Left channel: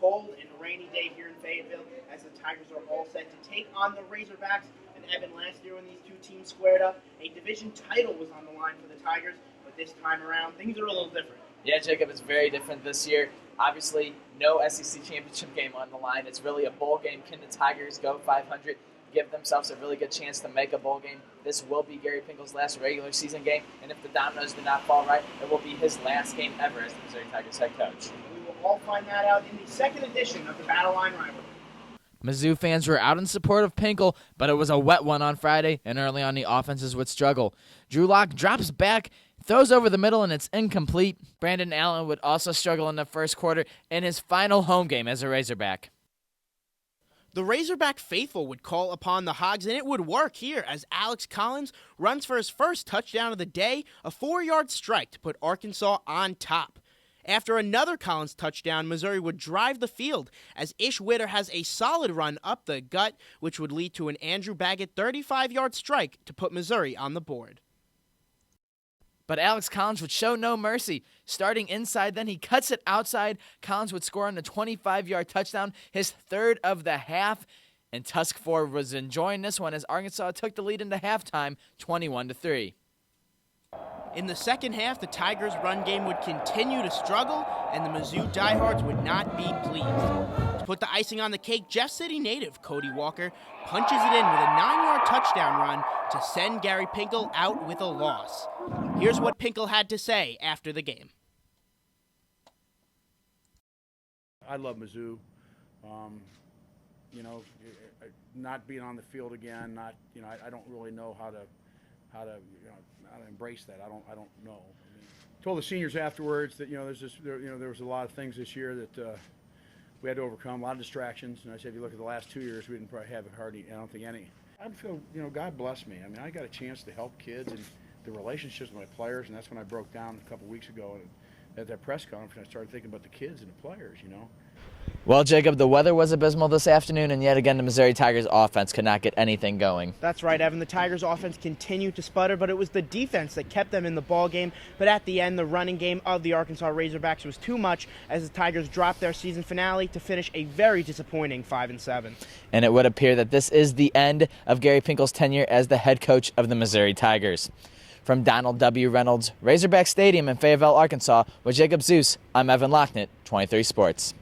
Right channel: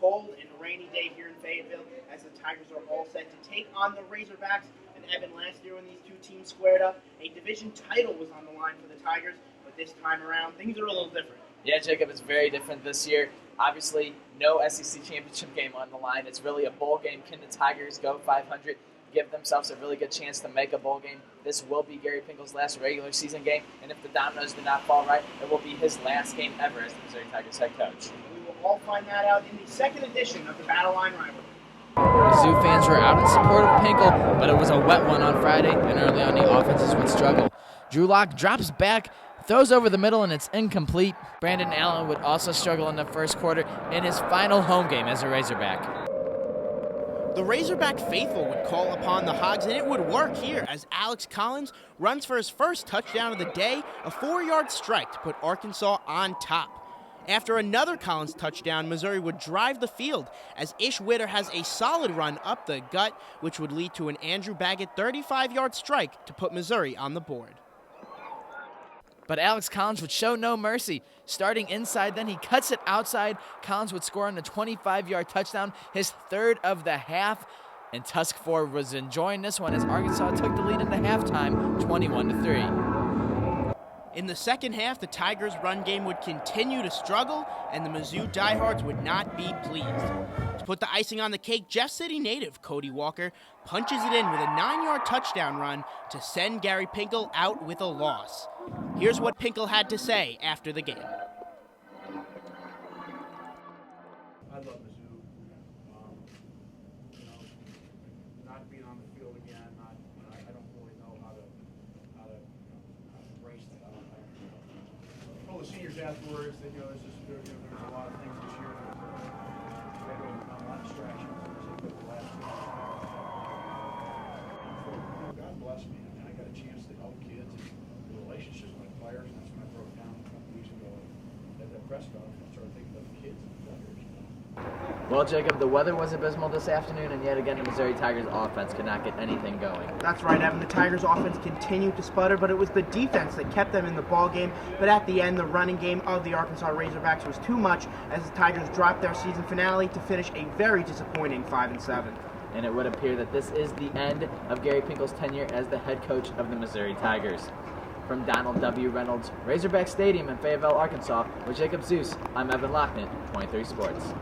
cold and rainy day here in Fayetteville as the Tigers are all set to take on the Razorbacks. And Evan, last year when these two teams squared up, a division title was on the line for the Tigers, but this time around things are a little different. Yeah, Jacob, it's very different this year. Obviously, no SEC championship game on the line. It's really a bowl game. Can the Tigers go 500, give themselves a really good chance to make a bowl game? This will be Gary Pinkel's last regular season game, and if the dominoes do not fall right, it will be his last game ever as the Missouri Tigers head coach. We will all find that out in the second edition of the Battle Line Rivalry. Mizzou fans were out in support of Pinkel, but it was a wet one on Friday, and early on the offenses would struggle. Drew Lock drops back, throws over the middle, and it's incomplete. Brandon Allen would also struggle in the first quarter in his final home game as a Razorback. The Razorback faithful would call upon the Hogs, and it would work here as Alex Collins runs for his first touchdown of the day, a 4-yard strike to put Arkansas on top. After another Collins touchdown, Missouri would drive the field as Ish Witter has a solid run up the gut, which would lead to an Andrew Baggett 35-yard strike to put Missouri on the board. But Alex Collins would show no mercy. Starting inside, then he cuts it outside. Collins would score on a 25-yard touchdown, his third of the half. And Tusk Ford was enjoying this one as Arkansas took the lead into halftime, 21-3. In the second half, the Tigers' run game would continue to struggle, and the Mizzou diehards would not be pleased. To put the icing on the cake, Jeff City native Cody Walker punches it in with a 9-yard touchdown run to send Gary Pinkel out with a loss. Here's what Pinkel had to say after the game. I love Mizzou. Not being on the field again, I don't really know how to embrace that. I don't know. I told the seniors afterwards that there was a lot of things this year that we had to overcome, a lot of distractions. And I said, look, the last 2 years we probably haven't hardly done anything anyway. I feel, God bless me. I mean, I got a chance to help kids and the relationships with my players, and that's when I broke down a couple weeks ago at that press conference. I started thinking about the kids and the players. Well, Jacob, the weather was abysmal this afternoon, and yet again the Missouri Tigers offense could not get anything going. That's right, Evan. The Tigers offense continued to sputter, but it was the defense that kept them in the ball game. But at the end, the running game of the Arkansas Razorbacks was too much as the Tigers dropped their season finale to finish a very disappointing 5-7. And it would appear that this is the end of Gary Pinkel's tenure as the head coach of the Missouri Tigers. From Donald W. Reynolds, Razorback Stadium in Fayetteville, Arkansas, with Jacob Seus, I'm Evan Lachnit, 23 Sports.